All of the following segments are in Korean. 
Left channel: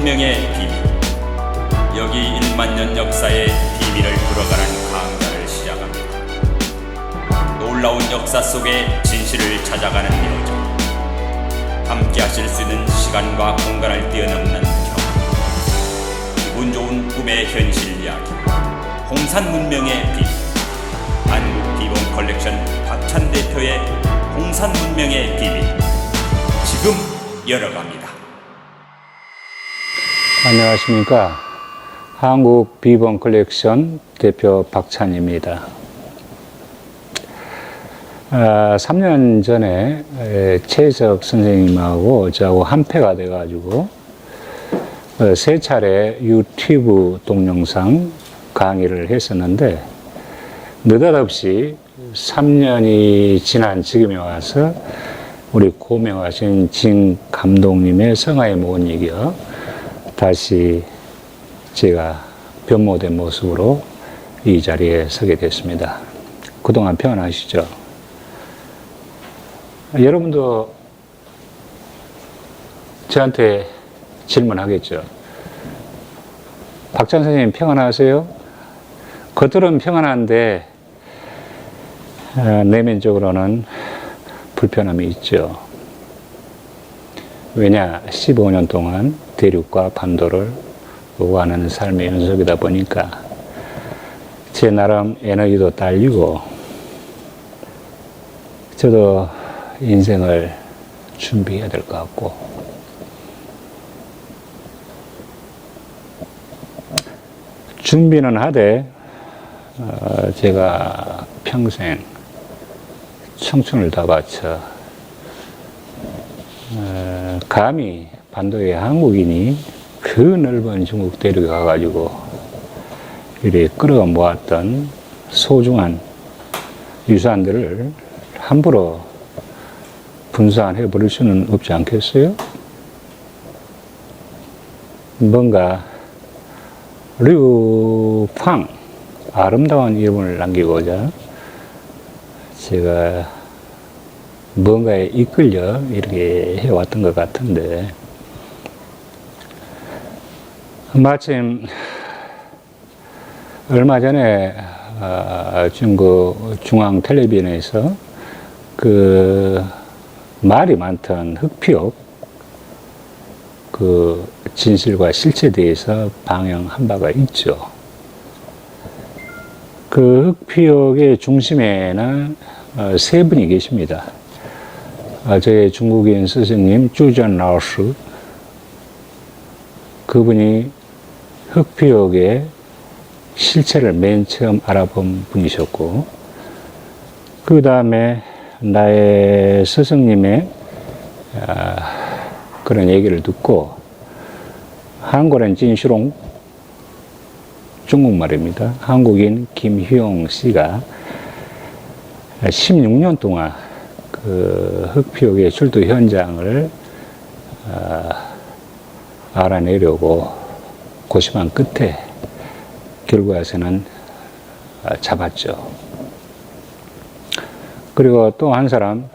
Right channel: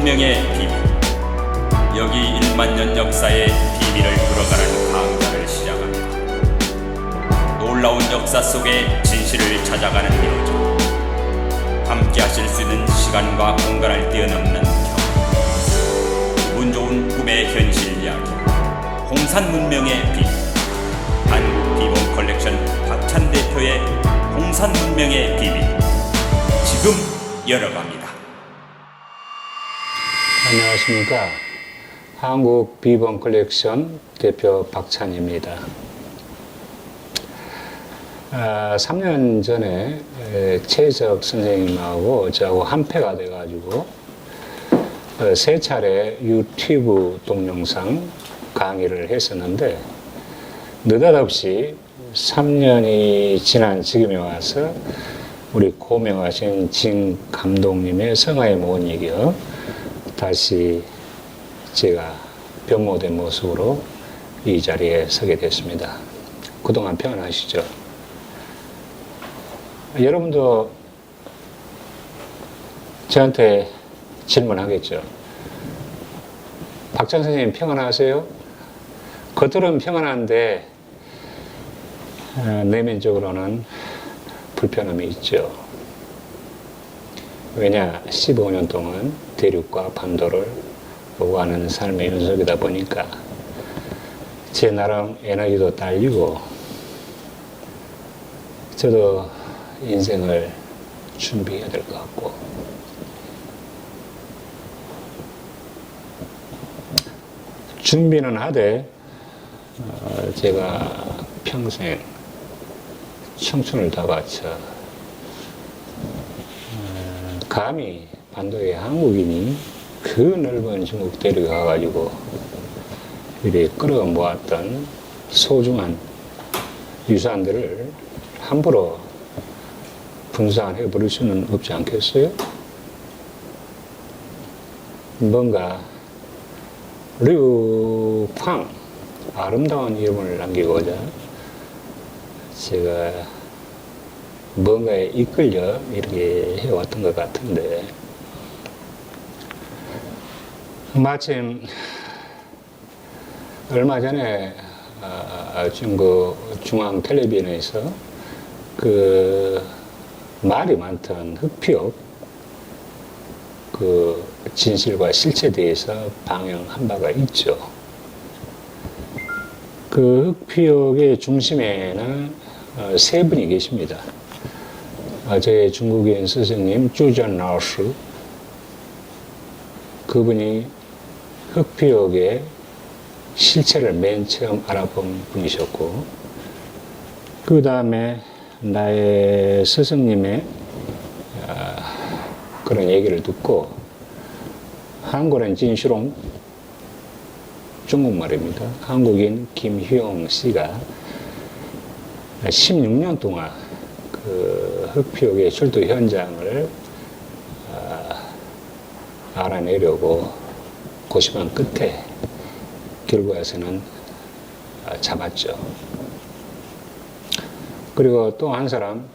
문명의 비밀. 여기 1만 년 역사의 비밀을 풀어가는 강좌를 시작합니다. 놀라운 역사 속의 진실을 찾아가는 여정. 함께 하실 수 있는 시간과 공간을 뛰어넘는 경험. 기분 좋은 꿈의 현실 이야기. 홍산 문명의 비밀. 한국 비본 컬렉션 박찬 대표의 홍산 문명의 비밀. 지금 열어갑니다. 안녕하십니까. 한국 비본 컬렉션 대표 박찬입니다. 3년 전에 최석 선생님하고 저하고 한패가 돼가지고 세 차례 유튜브 동영상 강의를 했었는데 느닷없이 3년이 지난 지금에 와서 우리 고명하신 진 감독님의 성화에 못 이겨 다시 제가 변모된 모습으로 이 자리에 서게 됐습니다. 그동안 평안하시죠? 여러분도 저한테 질문하겠죠? 박찬 선생님 평안하세요? 겉으로는 평안한데 내면적으로는 불편함이 있죠. 왜냐? 15년 동안 대륙과 반도를 오가는 삶의 연속이다 보니까 제 나름 에너지도 딸리고 저도 인생을 준비해야 될 것 같고 준비는 하되 제가 평생 청춘을 다 바쳐 감히 반도의 한국인이 그 넓은 중국 대륙에 가가지고 이렇게 끌어 모았던 소중한 유산들을 함부로 분산해 버릴 수는 없지 않겠어요? 뭔가 류팡 아름다운 이름을 남기고자 제가 뭔가에 이끌려 이렇게 해왔던 것 같은데 마침 얼마 전에 중국 중앙 텔레비전에서 그 말이 많던 흑피옥 그 진실과 실체에 대해서 방영한 바가 있죠. 그 흑피옥의 중심에는 세 분이 계십니다. 저의 중국인 스승님 쭈전 라오스, 그분이 흑피옥의 실체를 맨 처음 알아본 분이셨고, 그 다음에 나의 스승님의 그런 얘기를 듣고 한국인 진시롱, 중국말입니다. 한국인 김희용 씨가 16년 동안 그 흑피옥의 출토 현장을 알아내려고 고심한 끝에 결과에서는 잡았죠. 그리고 또 한 사람,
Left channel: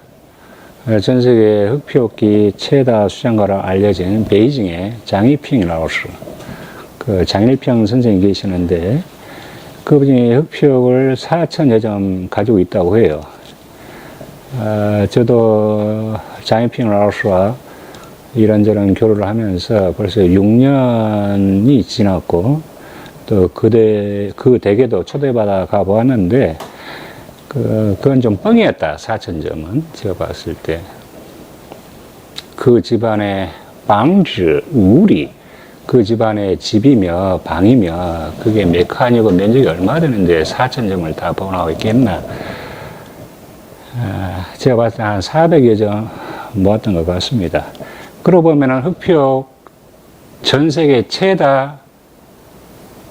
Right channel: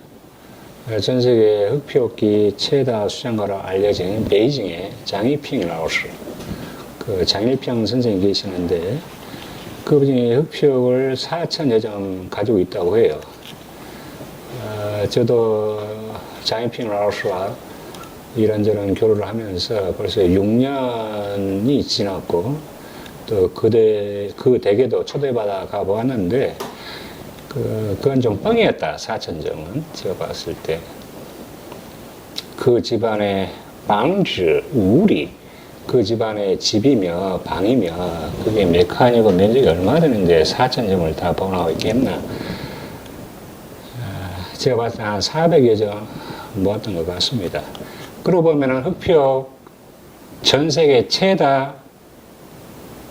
전 세계 흑피옥기 최다 수장가로 알려진 베이징의 장이핑 라오스, 그 장일평 선생님 계시는데 그분이 흑피옥을 4,000여 점 가지고 있다고 해요. 저도 장이핑 라오스와 이런저런 교류를 하면서 벌써 6년이 지났고 또 그 댁에도 초대받아 가보았는데 그건 좀 뻥이었다. 4,000점은 제가 봤을 때 그 집안의 방지 우리 그 집안의 집이며 방이며 그게 메카니고 면적이 얼마 되는데 4,000점을 다 보관하고 있겠나. 제가 봤을 때 한 400여 점 모았던 것 같습니다. 그러고 보면은 흑피옥 전 세계 최다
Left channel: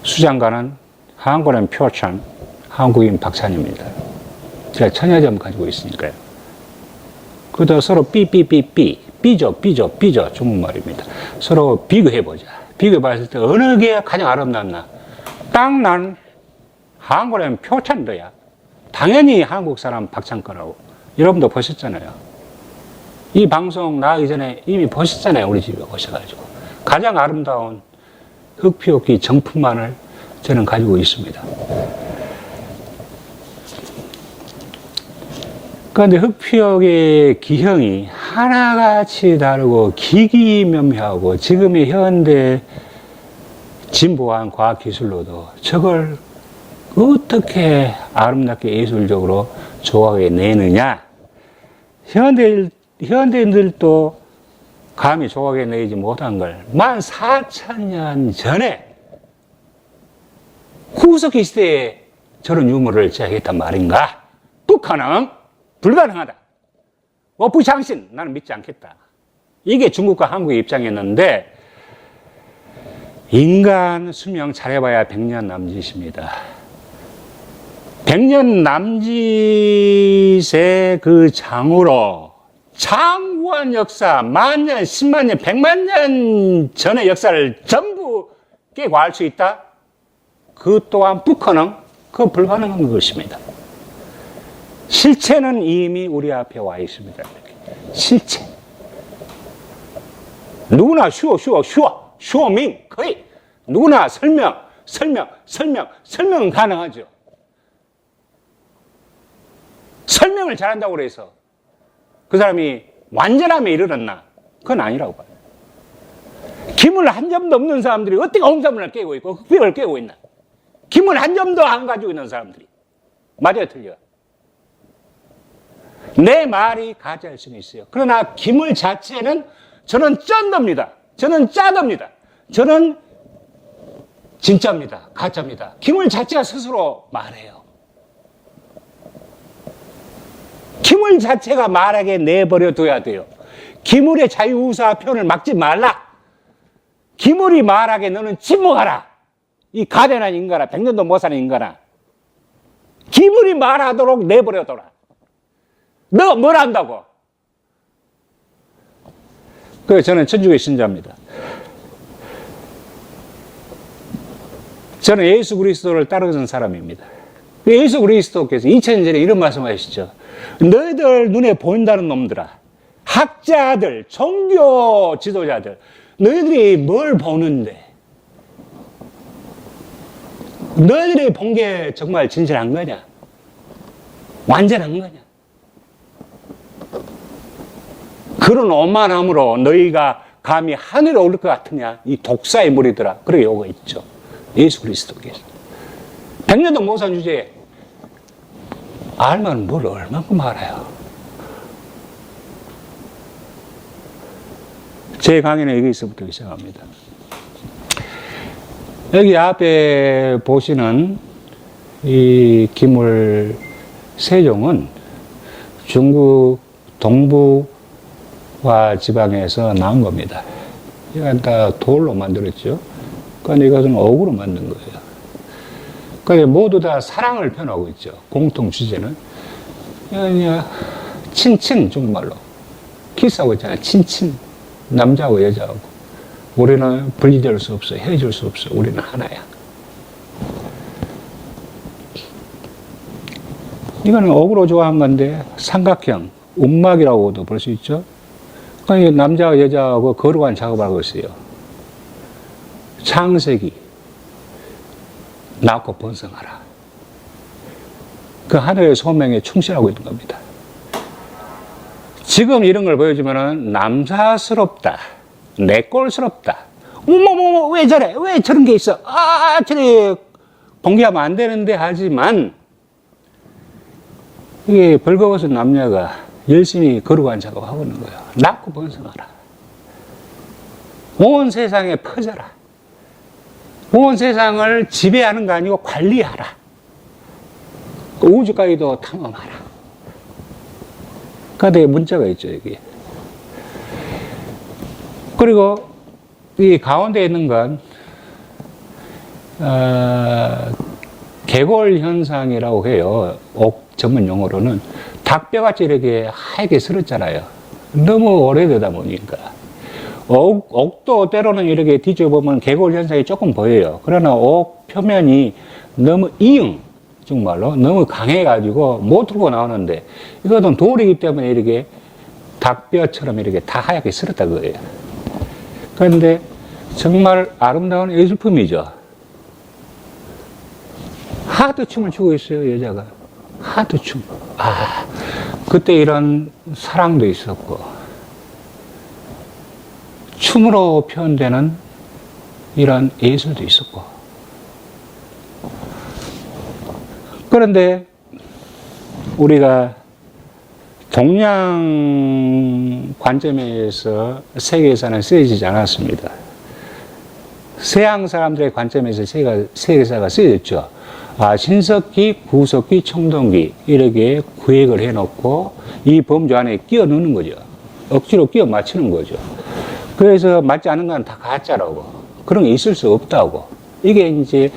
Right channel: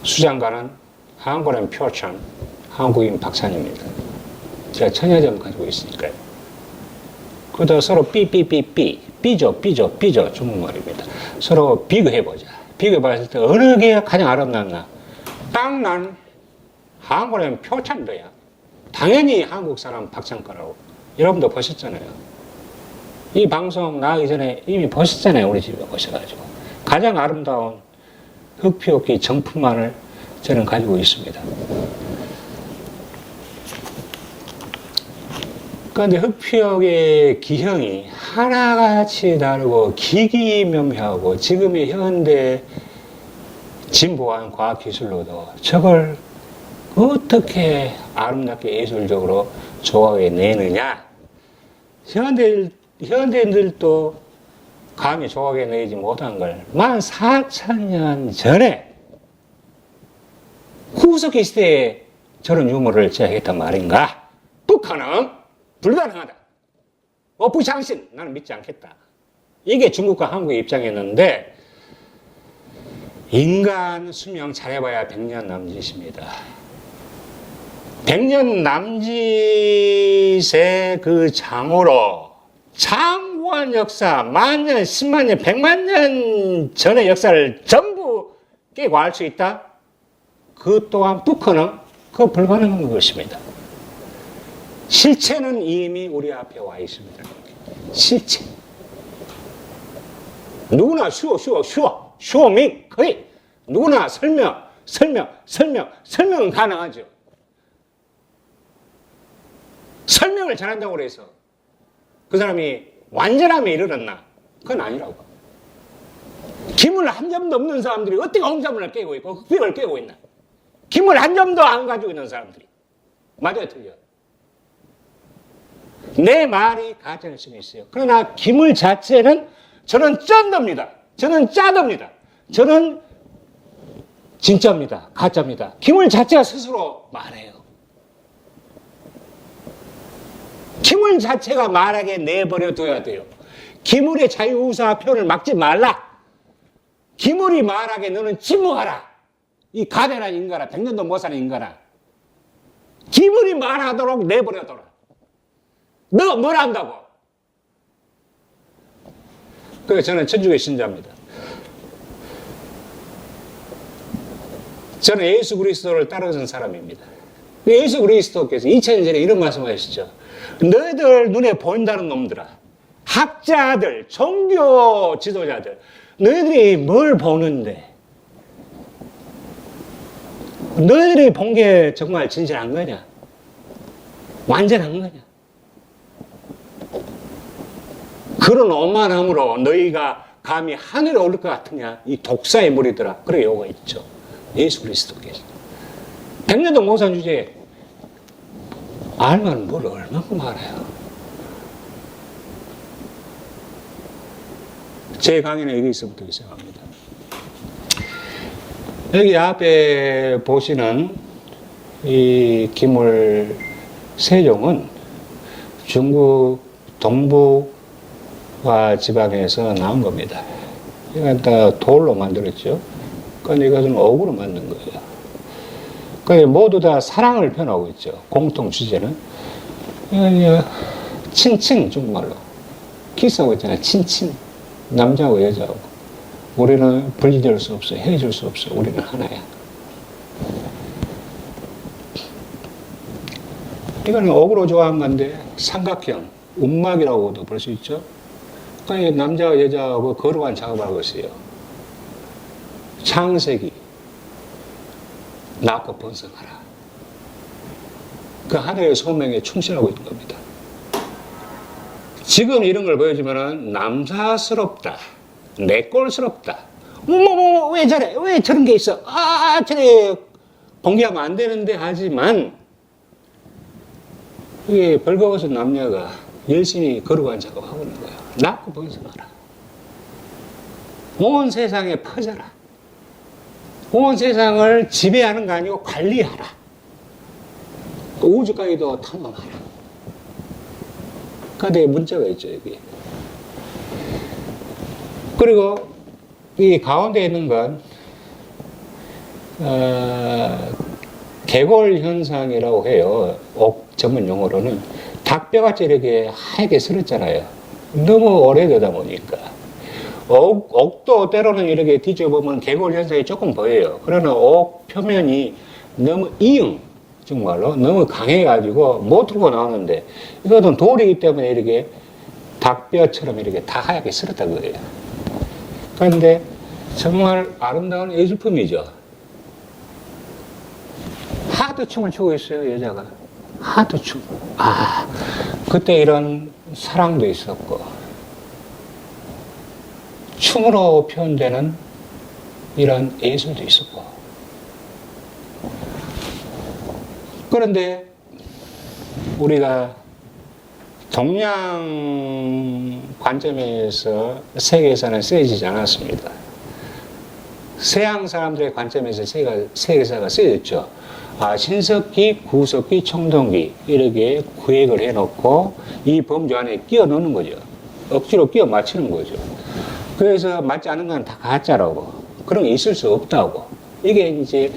수장가는 한국인 표찬, 한국인 박찬입니다. 제가 1,000여 점 가지고 있으니까요. 그것도 서로 삐죠, 중국말입니다. 서로 비교해보자. 비교해봤을 때 어느 게 가장 아름답나? 딱 난 한국인 표찬도야. 당연히 한국 사람 박찬 거라고. 여러분도 보셨잖아요. 이 방송 나가기 전에 이미 보셨잖아요. 우리 집에 오셔가지고. 가장 아름다운 흑피옥기 정품만을 저는 가지고 있습니다. 그런데 흑피옥의 기형이 하나같이 다르고 기기묘묘하고 지금의 현대 진보한 과학기술로도 저걸 어떻게 아름답게 예술적으로 조각해 내느냐. 현대인들도 감히 조각해 내지 못한 걸 14,000년 전에 후석기 시대에 저런 유물을 제작했단 말인가? 불가능, 불가능하다. 부장신, 나는 믿지 않겠다. 이게 중국과 한국의 입장이었는데 인간 수명 잘해봐야 100년 남짓입니다. 100년 남짓의 그 장으로 장구한 역사, 만년, 10만년, 100만년 전의 역사를 전부 깨고 알 수 있다? 그 또한 불가능, 그 불가능한 것입니다. 실체는 이미 우리 앞에 와 있습니다. 실체. 누구나 쇼밍, 거의 누구나 설명은 가능하죠. 설명을 잘한다고 해서 그 사람이 완전함에 이르렀나? 그건 아니라고 봐요. 기물 한 점도 없는 사람들이 어떻게 홍사문을 깨고 있고 흑백을 깨고 있나? 기물 한 점도 안 가지고 있는 사람들이. 맞아요, 틀려요? 내 말이 가짜일 수는 있어요. 그러나 기물 자체는 저는 쩐답니다. 저는 짜답니다. 저는 진짜입니다. 가짜입니다. 기물 자체가 스스로 말해요. 기물 자체가 말하게 내버려둬야 돼요. 기물의 자유우사 표현을 막지 말라. 기물이 말하게 너는 침묵하라. 이 가련한 인간아, 100년도 못 사는 인간아. 기물이 말하도록 내버려둬라. 너가 뭘 안다고? 그래서 저는 천주교 신자입니다. 저는 예수 그리스도를 따르는 사람입니다. 예수 그리스도께서 2000년 전에 이런 말씀하셨죠. 너희들 눈에 보인다는 놈들아, 학자들, 종교 지도자들, 너희들이 뭘 보는데? 너희들이 본 게 정말 진실한 거냐? 완전한 거냐? 그런 오만함으로 너희가 감히 하늘에 오를 것 같으냐? 이 독사의 무리들아. 그렇게 요가 있죠. 예수 그리스도께서. 100년도 못 산 주제에 알면 뭘 얼만큼 알아요. 제 강의는 여기서부터 시작합니다. 여기 앞에 보시는 이 기물 세종은 중국 동부와 지방에서 나온 겁니다. 이건 다 돌로 만들었죠. 그런데 이것은 옥으로 만든 거예요. 그러니까 모두 다 사랑을 표현하고 있죠. 공통 주제는. 친친, 중국말로. 키스하고 있잖아요. 친친. 남자하고 여자하고. 우리는 분리될 수 없어. 헤어질 수 없어. 우리는 하나야. 이거는 옥으로 좋아한 건데, 삼각형, 움막이라고도 볼 수 있죠. 그러니까 남자와 여자하고 거룩한 작업을 하고 있어요. 창세기. 낳고 번성하라. 그 하늘의 소명에 충실하고 있는 겁니다. 지금 이런 걸 보여주면은 남사스럽다. 내꼴스럽다. 어머머, 왜 저래? 왜 저런 게 있어? 저래. 공개하면 안 되는데 하지만, 이게 벌거벗은 남녀가 열심히 거룩한 작업을 하고 있는 거예요. 낳고 번성하라. 온 세상에 퍼져라. 온 세상을 지배하는 거 아니고 관리하라. 우주까지도 탐험하라. 그런데 문자가 있죠, 여기. 그리고 이 가운데 있는 건 개골 현상이라고 해요. 옥 전문 용어로는 닭뼈같이 이렇게 하얗게 설었잖아요. 너무 오래되다 보니까. 옥도 때로는 이렇게 뒤져보면 개골 현상이 조금 보여요. 그러나 옥 표면이 너무 정말로 너무 강해가지고 못 들고 나오는데, 이것은 돌이기 때문에 이렇게 닭뼈처럼 이렇게 다 하얗게 쓸었다 그거예요. 그런데 정말 아름다운 예술품이죠. 하드 춤을 추고 있어요, 여자가. 하드 춤. 아, 그때 이런 사랑도 있었고, 춤으로 표현되는 이런 예술도 있었고. 그런데 우리가 동양 관점에서 세계사는 쓰여지지 않았습니다. 서양 사람들의 관점에서 세계사가 쓰여졌죠. 아, 신석기, 구석기, 청동기 이렇게 구획을 해놓고 이 범주 안에 끼워 넣는 거죠. 억지로 끼워 맞추는 거죠. 그래서 맞지 않은 건 다 가짜라고. 그런 게 있을 수 없다고. 이게 이제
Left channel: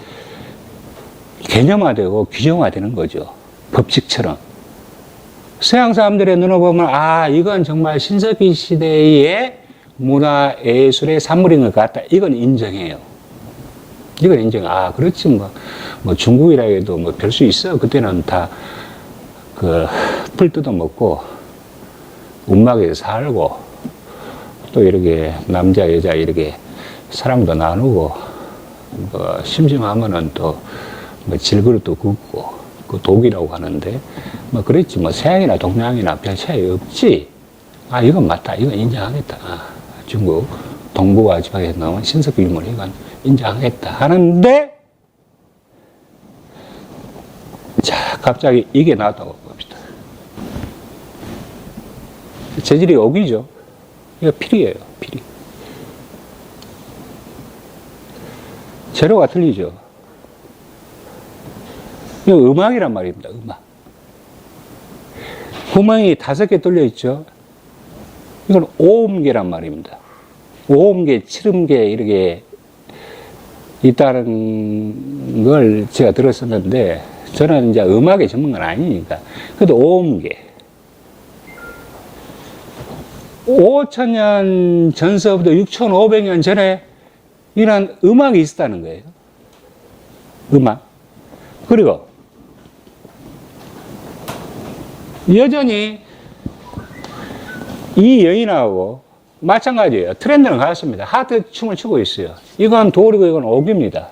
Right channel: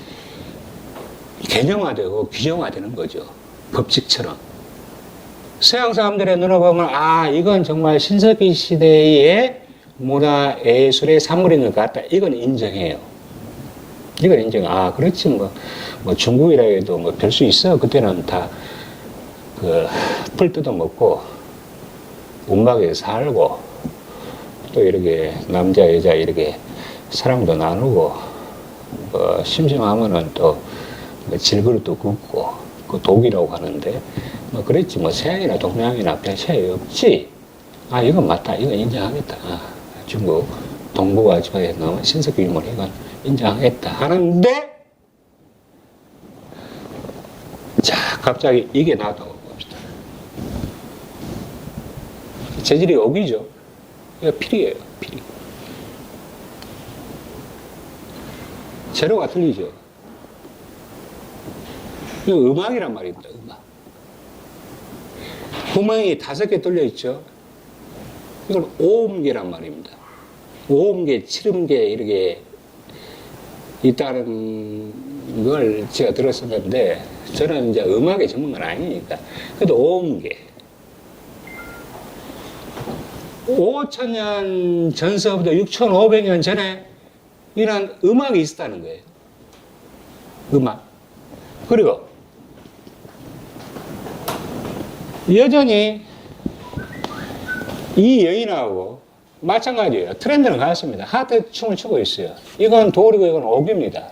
개념화되고 규정화되는 거죠. 법칙처럼. 서양 사람들의 눈으로 보면 아, 이건 정말 신석기 시대의 문화 예술의 산물인 것 같다. 이건 인정해요. 이건 인정. 아, 그렇지 뭐 중국이라 해도 뭐 별 수 있어. 그때는 다 풀 뜯어 먹고 움막에 살고 또 이렇게 남자 여자 이렇게 사랑도 나누고 뭐 심심하면은 또 뭐 질그릇도 굽고 그 독이라고 하는데 뭐 그랬지 뭐 서양이나 동양이나 별 차이 없지. 아, 이건 맞다. 이건 인정하겠다. 아, 중국 동북아 지방에서 나온 신석기 유물 이건 인정하겠다 하는데, 자, 갑자기 이게 나왔다고 봅시다. 재질이 옥이죠. 이거 필이에요, 필이. 재료가 틀리죠. 이거 음악이란 말입니다, 음악. 구멍이 5개 뚫려 있죠. 이건 오음계란 말입니다. 오음계, 칠음계 이렇게 있다는 걸 제가 들었었는데 저는 이제 음악의 전문가는 아니니까. 그래도 오음계. 5,000년 전서부터 6,500년 전에 이런 음악이 있었다는 거예요. 음악. 그리고 여전히 이 여인하고 마찬가지예요. 트렌드는 같습니다. 하트 춤을 추고 있어요. 이건 돌이고 이건 옥입니다.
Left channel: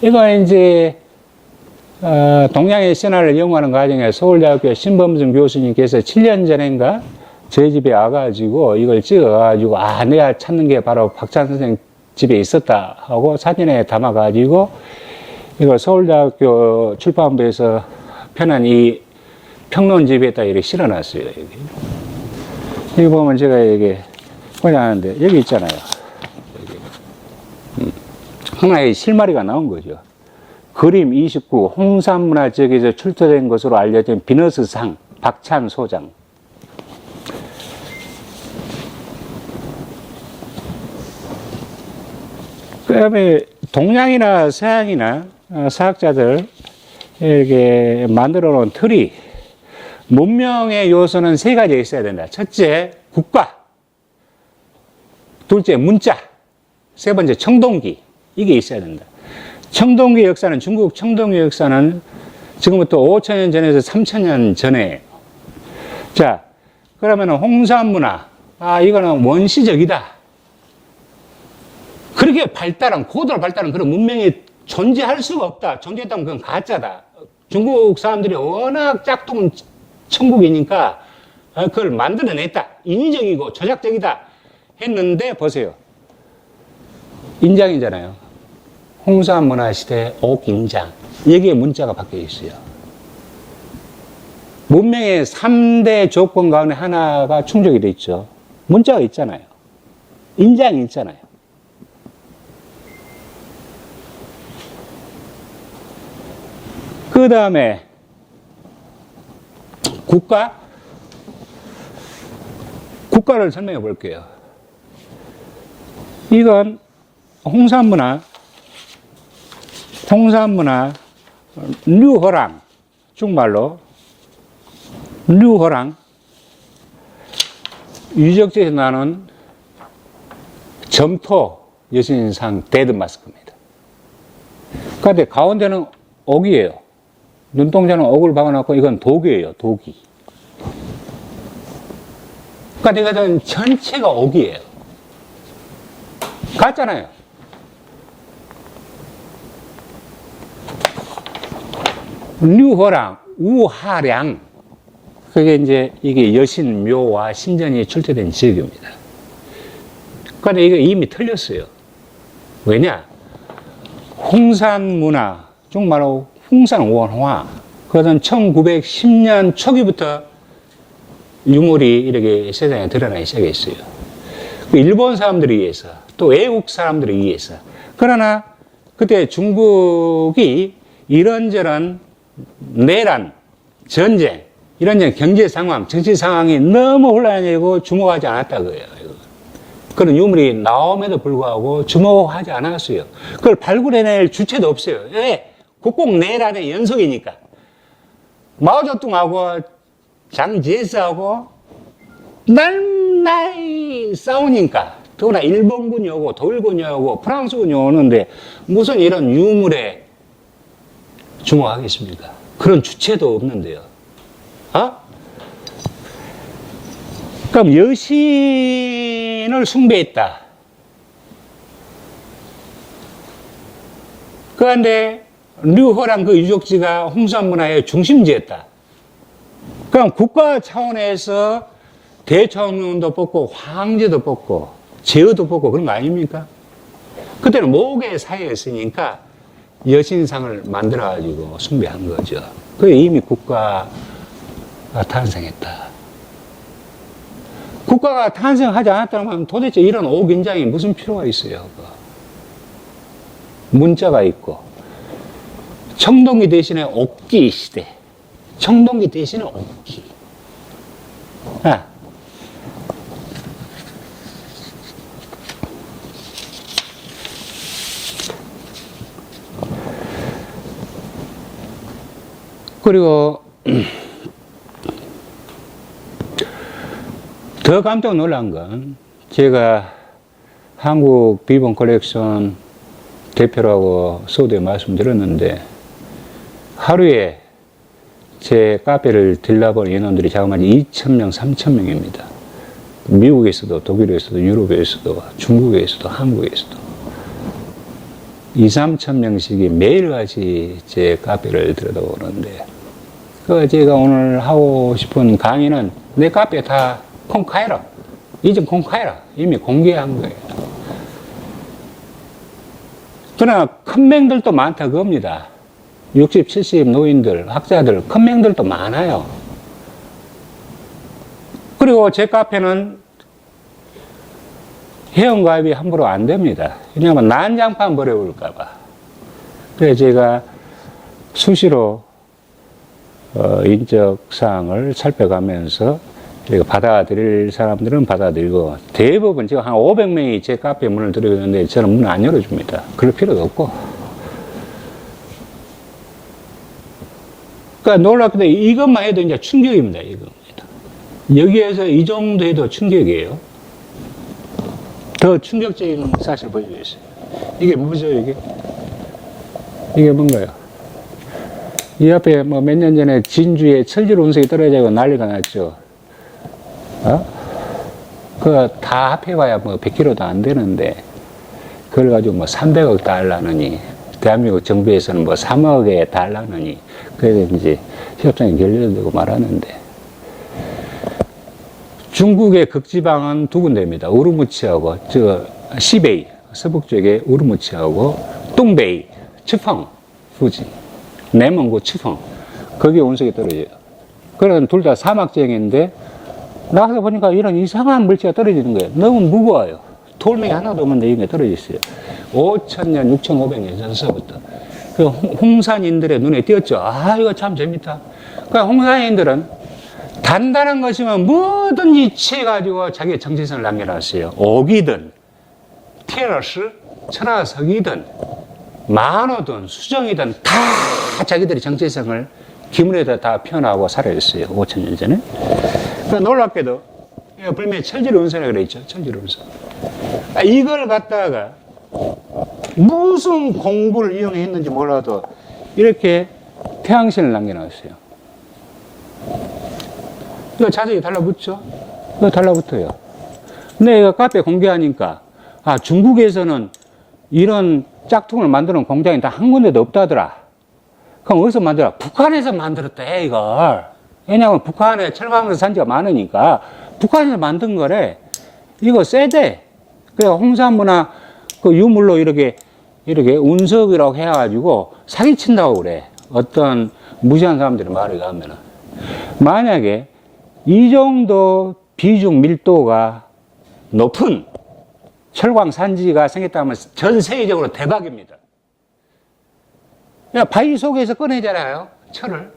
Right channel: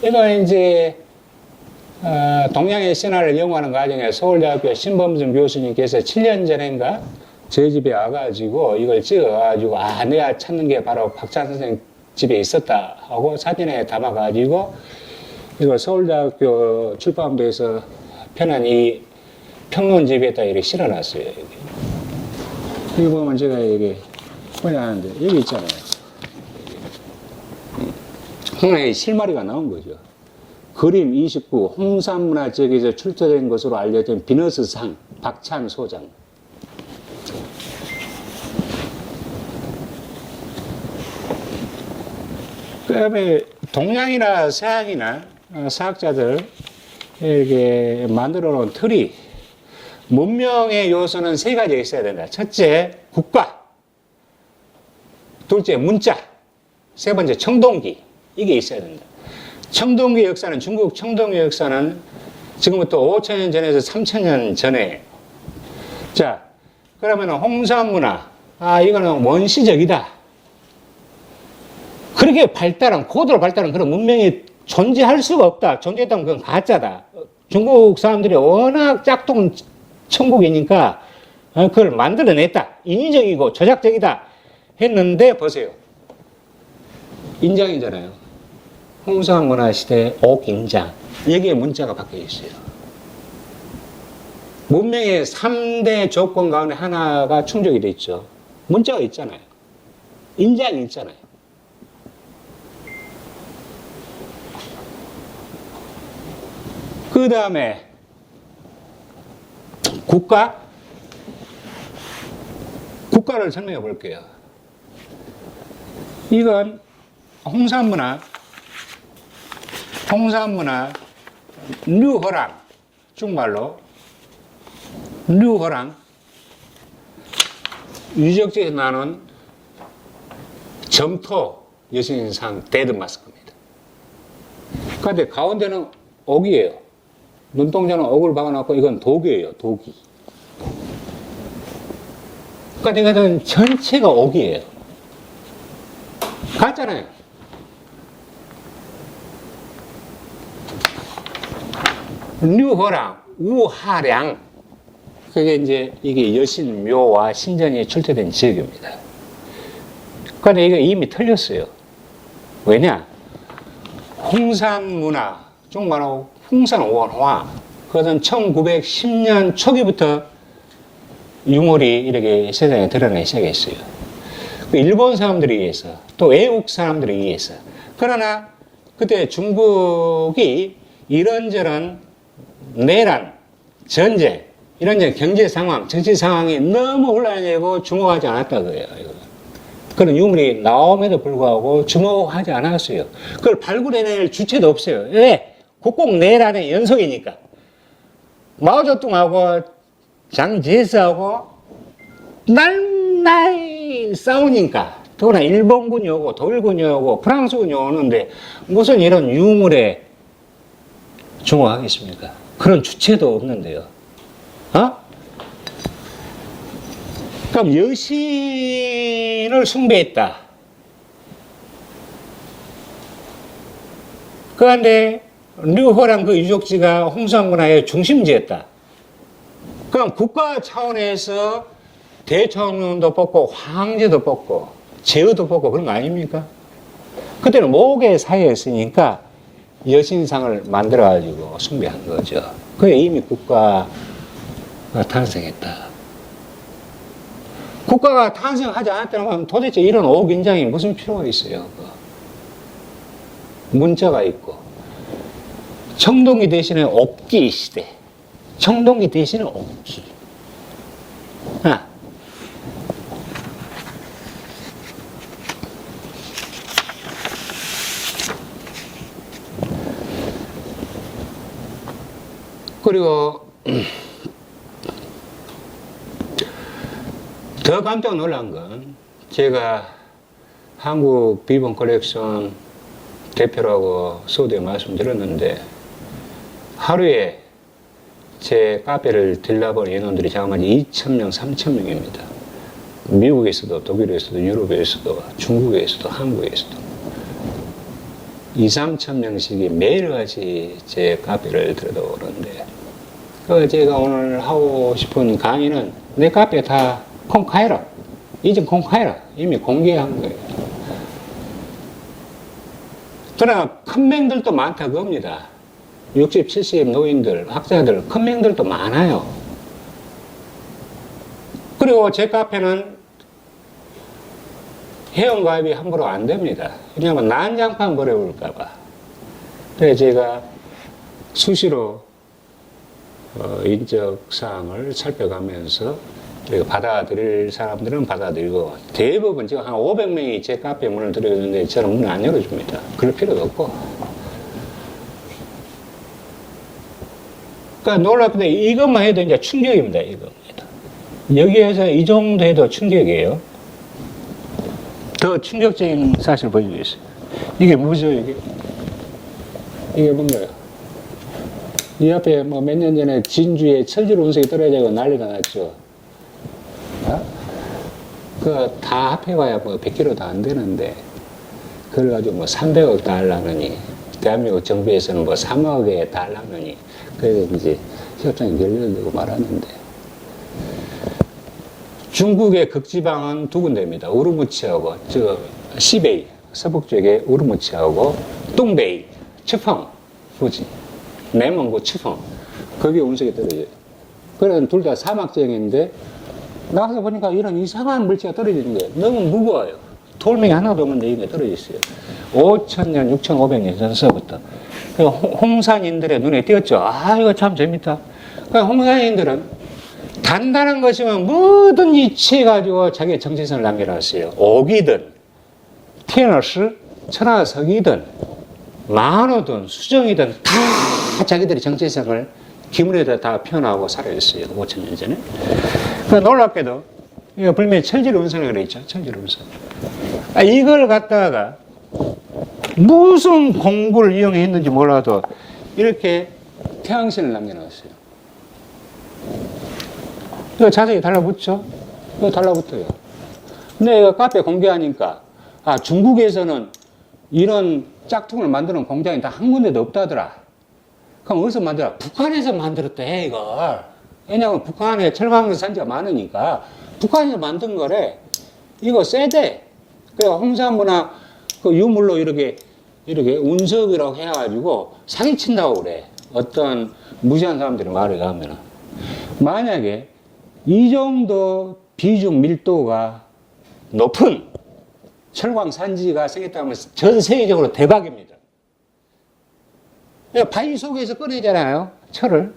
이건 이제 동양의 신화를 연구하는 과정에 서울대학교 신범준 교수님께서 7년 전인가 저희 집에 와가지고 이걸 찍어가지고 아, 내가 찾는 게 바로 박찬 선생 집에 있었다 하고 사진에 담아가지고 이걸 서울대학교 출판부에서 펴낸 이 평론집에다 이렇게 실어놨어요. 여기 보면 제가 여기 보냐는데 여기 있잖아요. 여기. 하나의 실마리가 나온 거죠. 그림 29 홍산문화 지역에서 출토된 것으로 알려진 비너스상 박찬 소장. 그 다음에 동양이나 서양이나 사학자들 이렇게 만들어 놓은 틀이 문명의 요소는 3가지가 있어야 된다. 첫째, 국가. 둘째, 문자. 세 번째, 청동기. 이게 있어야 된다. 청동기 역사는, 중국 청동기 역사는 지금부터 5,000년 전에서 3,000년 전에. 자, 그러면 홍산문화. 아, 이거는 원시적이다. 그렇게 고도로 발달한 그런 문명이 존재할 수가 없다. 존재했다면 그건 가짜다. 중국 사람들이 워낙 짝퉁 천국이니까 그걸 만들어냈다. 인위적이고 조작적이다 했는데 보세요. 인장이잖아요. 홍산문화시대 옥인장. 여기에 문자가 박혀 있어요. 문명의 3대 조건 가운데 하나가 충족이 돼 있죠. 문자가 있잖아요. 인장이 있잖아요. 그 다음에 국가를 설명해 볼게요. 이건 홍산문화 류허랑, 중말로 류허랑, 유적지에서 나는 점토 여신상 데드 마스크입니다. 그런데 가운데는 옥이에요. 눈동자는 옥을 박아놨고 이건 독이에요, 독이. 그러니까 이것은 전체가 옥이에요. 같잖아요. 류호랑, 우하량. 그게 이제 이게 여신, 묘와 신전이 출토된 지역입니다. 그런데 이거 이미 틀렸어요. 왜냐? 홍산 문화, 중국말로 홍산 원화. 그것은 1910년 초기부터 유물이 이렇게 세상에 드러나기 시작했어요. 일본 사람들에 의해서, 또 외국 사람들에 의해서. 그러나 그때 중국이 이런저런 내란, 전쟁, 이런저런 경제 상황, 정치 상황이 너무 혼란되고 주목하지 않았다 그래요. 그런 유물이 나옴에도 불구하고 주목하지 않았어요. 그걸 발굴해낼 주체도 없어요. 왜? 국공 내란의 연속이니까. 마오쩌둥하고 장제스하고 날날 싸우니까. 더구나 일본군이 오고 독일군이 오고 프랑스군이 오는데 무슨 이런 유물에 주목하겠습니까? 그런 주체도 없는데요. 어? 그럼 여신을 숭배했다. 그런데 류호랑 그 유적지가 홍산 문화의 중심지였다. 그럼 국가 차원에서 대통령도 뽑고 황제도 뽑고 제후도 뽑고 그런 거 아닙니까? 그때는 모계 사회였으니까 여신상을 만들어가지고 숭배한 거죠. 그게 이미 국가가 탄생했다. 국가가 탄생하지 않았다면 도대체 이런 옥인장이 무슨 필요가 있어요? 문자가 있고 청동기 대신에 옥기 시대. 청동기 대신에 옥기. 아. 그리고 더 깜짝 놀란 건 제가 한국 비번 컬렉션 대표라고 서두에 말씀드렸는데 하루에 제 카페를 들러본 인원들이 자그마치 2,000명, 3,000명입니다. 미국에서도 독일에서도 유럽에서도 중국에서도 한국에서도 2,000~3,000명씩이 매일같이 제 카페를 들여다보는데 제가 오늘 하고 싶은 강의는 내 카페 다 공개해라. 이제 공개해라. 이미 공개한 거예요. 그러나 큰 맹들도 많다 그겁니다. 60, 70 노인들, 학자들, 큰 맹들도 많아요. 그리고 제 카페는 회원가입이 함부로 안 됩니다. 왜냐하면 난장판 버려볼까봐. 그래서 제가 수시로 인적사항을 살펴가면서 이렇게 받아들일 사람들은 받아들이고 대부분 지금 한 500명이 제 카페에 문을 들여오는데 저는 문을 안 열어줍니다. 그럴 필요도 없고. 그러니까 놀랍게도 이것만 해도 이제 충격입니다. 이겁니다. 여기에서 이 정도 해도 충격이에요. 더 충격적인 사실을 보여주겠어요. 이게 뭐죠, 이게? 이게 뭔가요? 이 앞에 뭐 몇 년 전에 진주에 철질 운석이 떨어지고 난리가 났죠. 어? 그거 다 합해봐야 뭐 100kg도 안 되는데, 그걸 가지고 뭐 300억 달러느니, 대한민국 정부에서는 뭐 3억에 달러느니, 그래서 이제 협상이 결렬되고 말하는데, 중국의 극지방은 두 군데입니다. 우르무치하고, 시베이, 서북 쪽에 우르무치하고, 뚱베이, 츠펑, 후지, 내몽고 츠펑, 거기에 운석이 떨어져요. 그런 둘 다 사막 지역인데, 나가서 보니까 이런 이상한 물체가 떨어지는 거예요. 너무 무거워요. 돌멩이 하나도 없는데 이게 떨어졌어요. 5,000년, 6,500년 전서부터. 그 홍산인들의 눈에 띄었죠. 아, 이거 참 재밌다. 그 홍산인들은 단단한 것이면 뭐든지 취해가지고 자기의 정체성을 남겨놨어요. 옥이든, 티너스, 천하석이든, 만호든, 수정이든 다 자기들의 정체성을 기물에다 다 표현하고 살아있어요. 5,000년 전에. 그러니까 놀랍게도, 이거 불명히 철질 운석이라고 그랬죠. 철질 운석. 이걸 갖다가 무슨 공부를 이용했는지 몰라도 이렇게 태양신을 남겨놨어요. 이거 자세히 달라붙죠? 그거 달라붙어요. 근데 카페 공개하니까, 아, 중국에서는 이런 짝퉁을 만드는 공장이 다 한 군데도 없다더라. 그럼 어디서 만들어? 북한에서 만들었대, 이걸. 왜냐하면 북한에 철강 산지가 많으니까 북한에서 만든 거래. 이거 세대. 그래, 홍산무나 그 유물로 이렇게 운석이라고 해가지고 사기친다고 그래. 어떤 무시한 사람들이 말을 하면은. 만약에 이 정도 비중 밀도가 높은 철광 산지가 생겼다면 전 세계적으로 대박입니다. 바위 속에서 꺼내잖아요, 철을.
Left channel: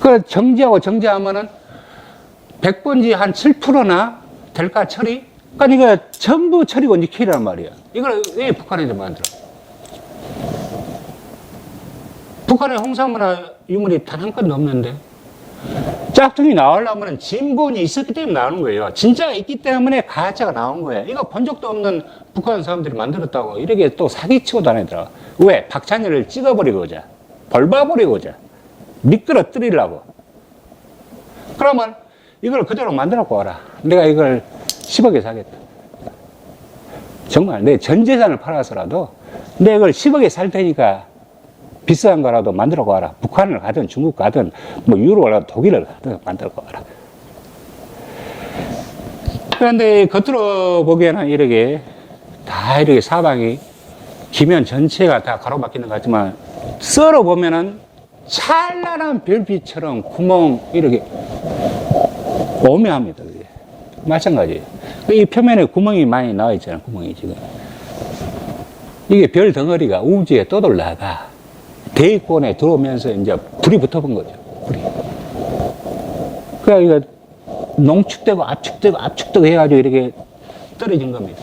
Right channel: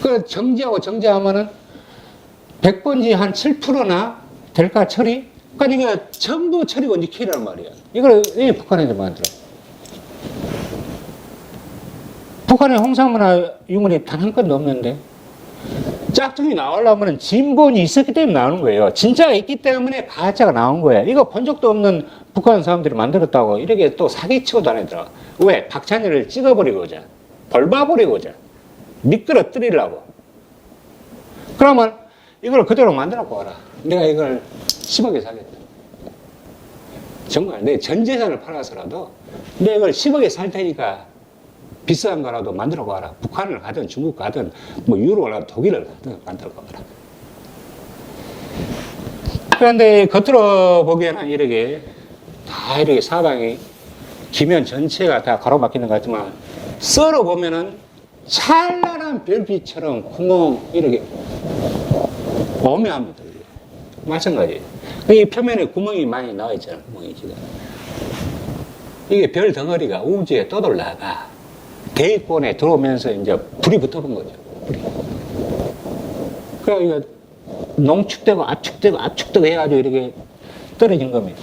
그 정지하고 정지하면은 100번지 한 7%나 될까, 철이? 그러니까 이거 전부 철이고 니켈이란 말이야. 이걸 왜 북한에서 만들어? 북한에 홍산무나 유물이 단 한 건도 없는데 짝퉁이 나오려면 진본이 있었기 때문에 나오는 거예요. 진짜가 있기 때문에 가짜가 나온 거예요. 이거 본 적도 없는 북한 사람들이 만들었다고 이렇게 또 사기치고 다니더라. 왜? 박찬일을 찍어버리고자, 벌봐버리고자, 미끄러뜨리려고. 그러면 이걸 그대로 만들어갖고 와라. 내가 이걸 10억에 사겠다. 정말 내 전 재산을 팔아서라도 내가 이걸 10억에 살 테니까 비싼 거라도 만들어 가라. 북한을 가든 중국 가든 뭐 유럽을 가든 독일을 가든 만들어 가라. 그런데 겉으로 보기에는 이렇게 다 이렇게 사방이 기면 전체가 다 가로막히는 것 같지만 썰어 보면은 찬란한 별빛처럼 구멍 이렇게 오묘합니다. 마찬가지. 이 표면에 구멍이 많이 나와 있잖아요. 구멍이 지금. 이게 별 덩어리가 우주에 떠돌다가 대기권에 들어오면서 이제 불이 붙어본 거죠. 불이. 그래서 이거 농축되고 압축되고 해가지고 이렇게 떨어진 겁니다.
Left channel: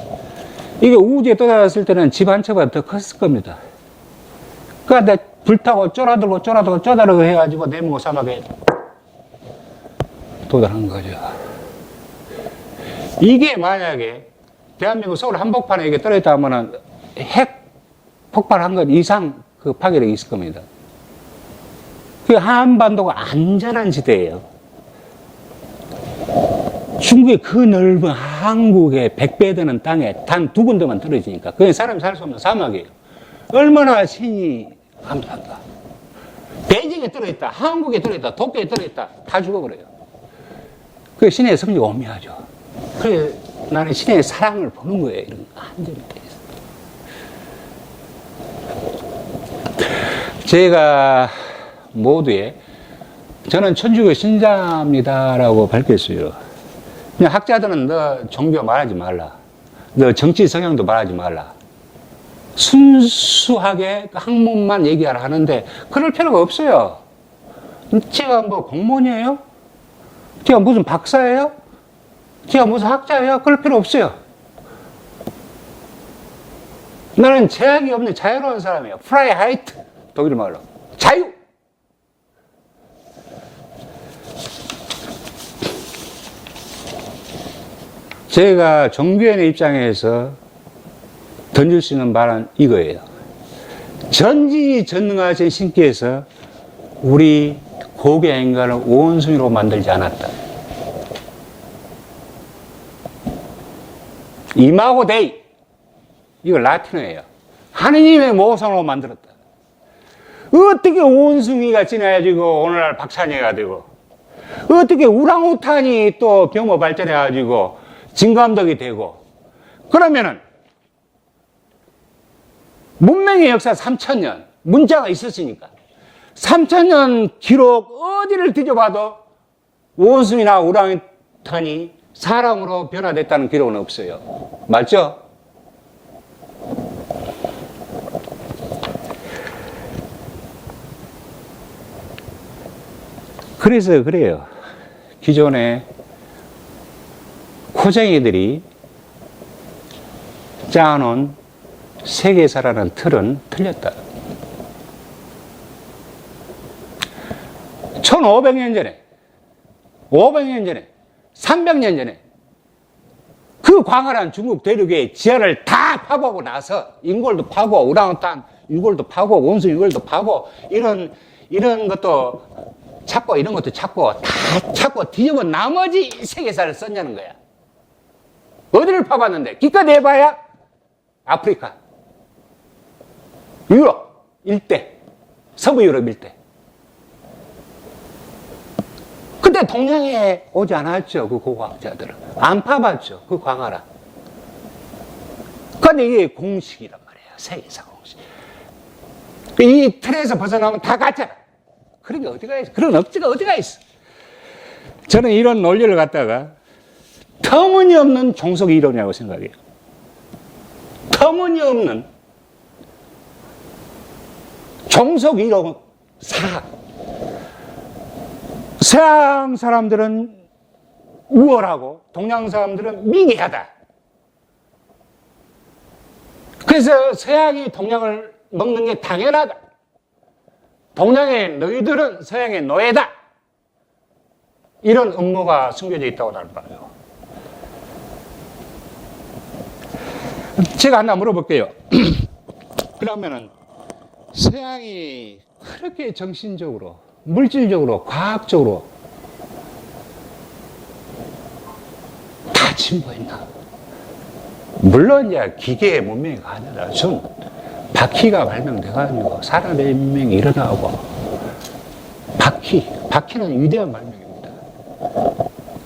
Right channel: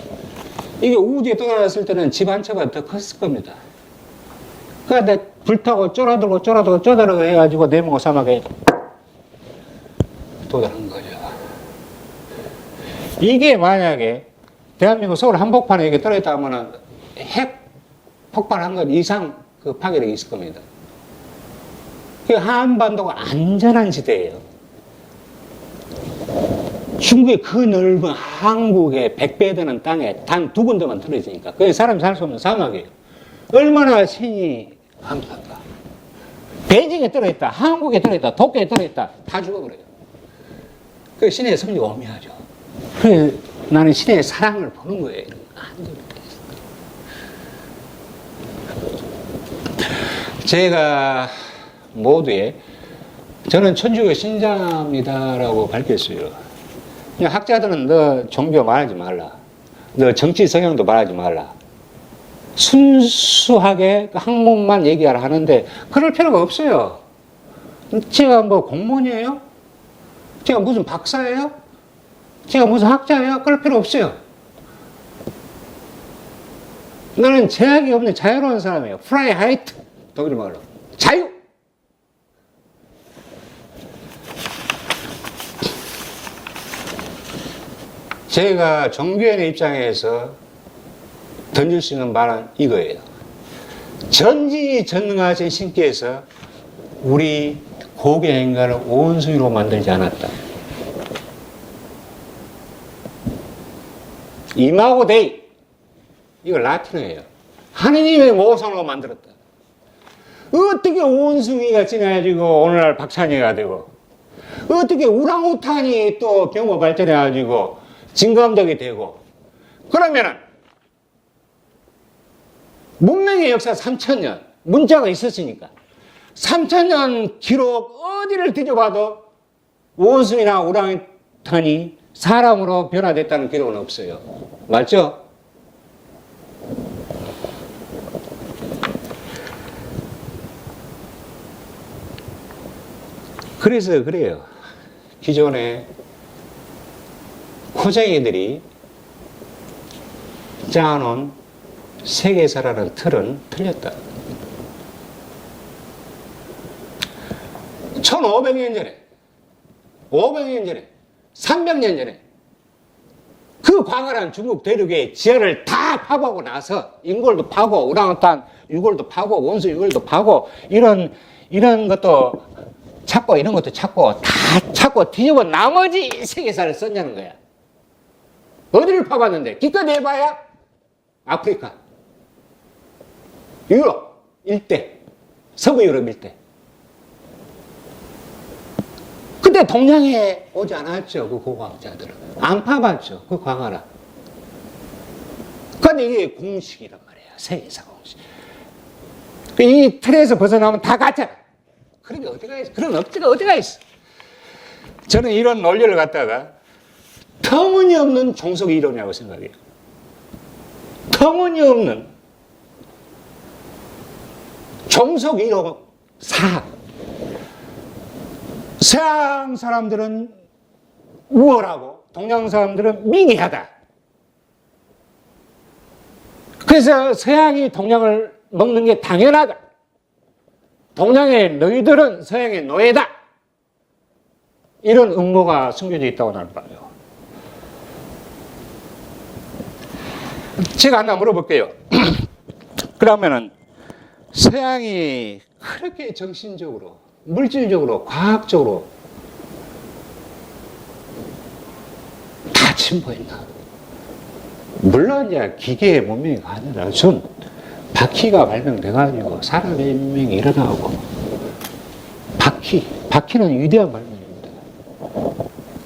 이게 우주에 떠돌았을 때는 집 한 채보다 더 컸을 겁니다. 그러니까 불타고 쪼라들고 해가지고 내몽고 사막에 도달한 거죠. 이게 만약에 대한민국 서울 한복판에 이게 떨어졌다 하면은 핵 폭발한 것 이상 그 파괴력이 있을 겁니다. 그 한반도가 안전한 지대예요. 중국의 그 넓은 한국의 100배 되는 땅에 단 2군데만 떨어지니까 그게 사람이 살 수 없는 사막이에요. 얼마나 신이 감사한가. 베이징에 떨어졌다, 한국에 떨어졌다, 도쿄에 떨어졌다 다 죽어버려요. 그 신의 섭리가 오묘하죠. 그래 나는 신의 사랑을 보는 거예요. 이런 안전에 대해서. 제가 모두에 저는 천주교 신자입니다라고 밝혔어요. 그냥 학자들은 너 종교 말하지 말라. 너 정치 성향도 말하지 말라. 순수하게 학문만 얘기하라 하는데 그럴 필요가 없어요. 제가 뭐 공무원이에요? 제가 무슨 박사예요? 제가 무슨 학자예요? 그럴 필요 없어요. 나는 제약이 없는 자유로운 사람이에요. 프라이하이트. 독일 말로. 자유! 제가 종교인의 입장에서 던질 수 있는 말은 이거예요. 전지전능하신 신께서 우리 고개 인간을 원숭이로 만들지 않았다. 이마고 데이. 이거 라틴어예요. 하느님의 모성으로 만들었다. 어떻게 원숭이가 지나가지고 오늘날 박찬희가 되고, 어떻게 우랑우탄이 또 경호 발전해가지고 진감독이 되고, 그러면은 문명의 역사 3000년, 문자가 있었으니까 3000년 기록 어디를 뒤져봐도 원숭이나 우랑우탄이 사람으로 변화됐다는 기록은 없어요. 맞죠? 그래서 그래요. 기존에 코쟁이들이 짜놓은 세계사라는 틀은 틀렸다. 1500년 전에, 500년 전에, 300년 전에 그 광활한 중국 대륙의 지하를 다 파보고 나서 인골도 파고 우랑우탄 유골도 파고 원숭이 유골도 파고 이런 것도 찾고 이런 것도 찾고 다 찾고 뒤집어 나머지 세계사를 썼냐는 거야. 어디를 파봤는데 기껏 해봐야 아프리카, 유럽 일대, 서부 유럽 일대. 근데 동양에 오지 않았죠. 그 고고학자들은 안 파봤죠. 그 광활한. 근데 이게 공식이란 말이에요. 세계사 공식. 이 틀에서 벗어나면 다 가짜라. 그런 게 어디가 있어? 그런 억지가 어디가 있어? 저는 이런 논리를 갖다가 터무니없는 종속 이론이라고 생각해요. 터무니없는 종속 이론 사학. 서양 사람들은 우월하고 동양 사람들은 미개하다. 그래서 서양이 동양을 먹는 게 당연하다. 동양의 너희들은 서양의 노예다. 이런 음모가 숨겨져 있다고 나는 봐요. 제가 하나 물어볼게요. 그러면은 서양이 그렇게 정신적으로, 물질적으로, 과학적으로 다 진보했나? 물론 이제 기계의 문명이 가져다 준 바퀴가 발명돼가지고 산업의 혁명이 일어나고, 바퀴는 위대한 발명입니다.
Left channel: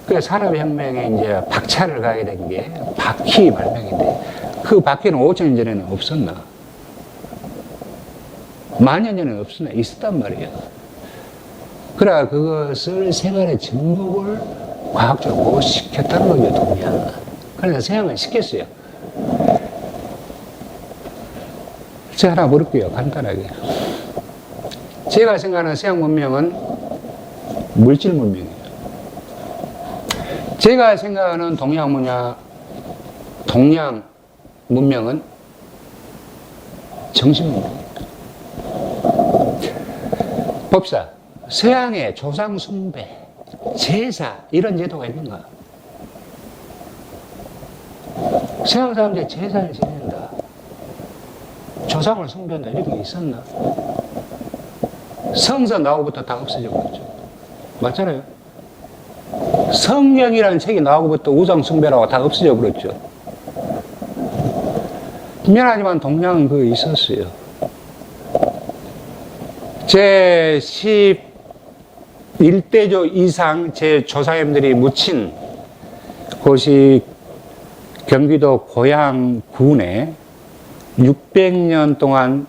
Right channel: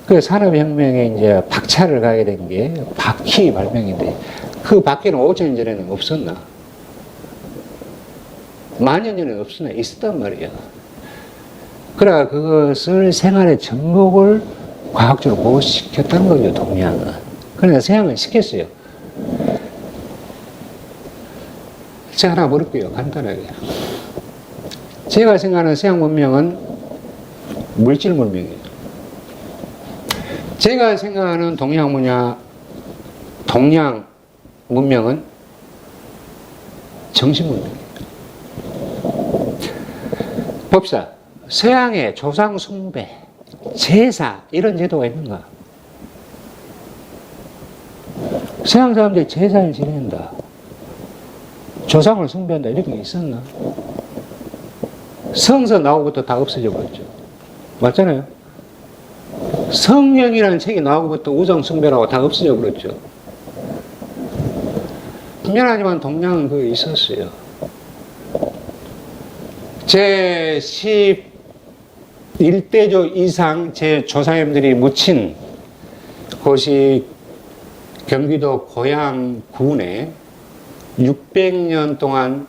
그 산업혁명에 이제 박차를 가게 된 게 바퀴 발명인데, 그 바퀴는 5,000년 전에는 없었나? 10,000년 전에는 없었나? 있었단 말이에요. 그래, 그것을 생활의 접목을 과학적으로 못 시켰다는 거죠, 동양은. 그러나 서양은 시켰어요. 제가 하나 물을게요, 간단하게. 제가 생각하는 서양 문명은 물질 문명이에요. 제가 생각하는 동양 문명은 정신 문명이에요. 봅시다. 서양의 조상 숭배, 제사 이런 제도가 있는가? 서양 사람들이 제사를 지낸다, 조상을 숭배한다, 이런 게 있었나? 성서 나오고부터 다 없어져 버렸죠. 맞잖아요. 성경이라는 책이 나오고부터 우상 숭배라고 다 없어져 버렸죠. 미안하지만 동양은 그거 있었어요. 제 11대조 이상 제 조상님들이 묻힌 곳이 경기도 고양군에 600년 동안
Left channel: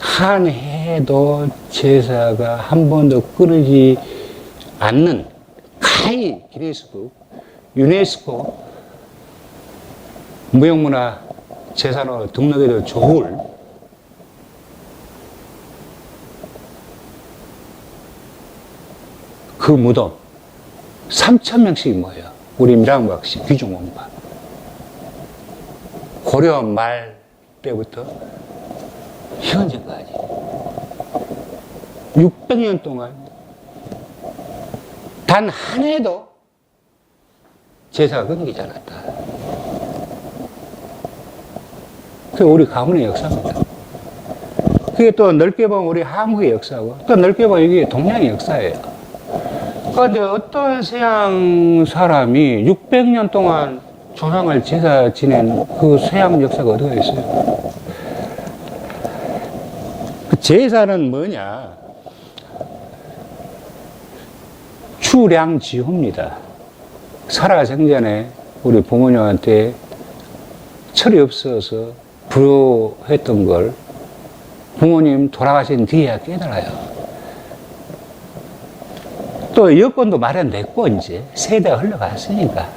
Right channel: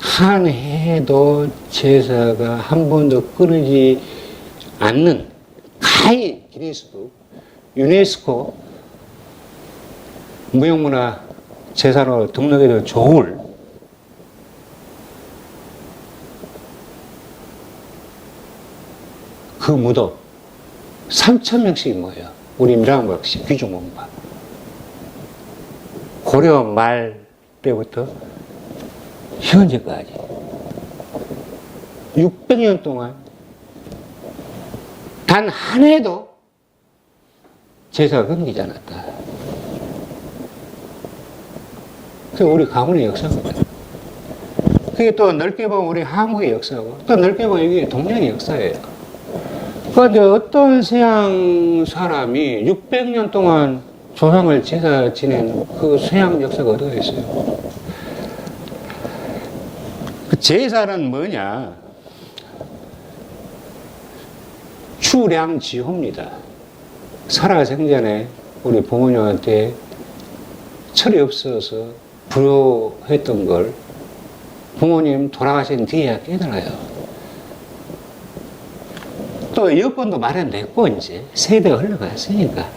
한 해도 제사가 한 번도 끊이지 않는 가히 기네스북, 유네스코 무형문화 재산으로 등록해도 좋을 그 무덤 3,000명씩이 모여요. 우리 밀양박씨 귀중공파. 고려 말 때부터 현재까지 600년 동안 단 한 해도 제사가 끊기지 않았다. 그게 우리 가문의 역사입니다. 그게 또 넓게 보면 우리 한국의 역사고, 또 넓게 보면 이게 동양의 역사예요. 그런데 어떤 서양 사람이 600년 동안 조상을 제사 지낸 그 서양 역사가 어디가 있어요? 그 제사는 뭐냐? 추량지호입니다. 살아생전에 우리 부모님한테 철이 없어서 불효했던 걸 부모님 돌아가신 뒤에야 깨달아요. 또 여건도 마련됐고 이제 세대가 흘러갔으니까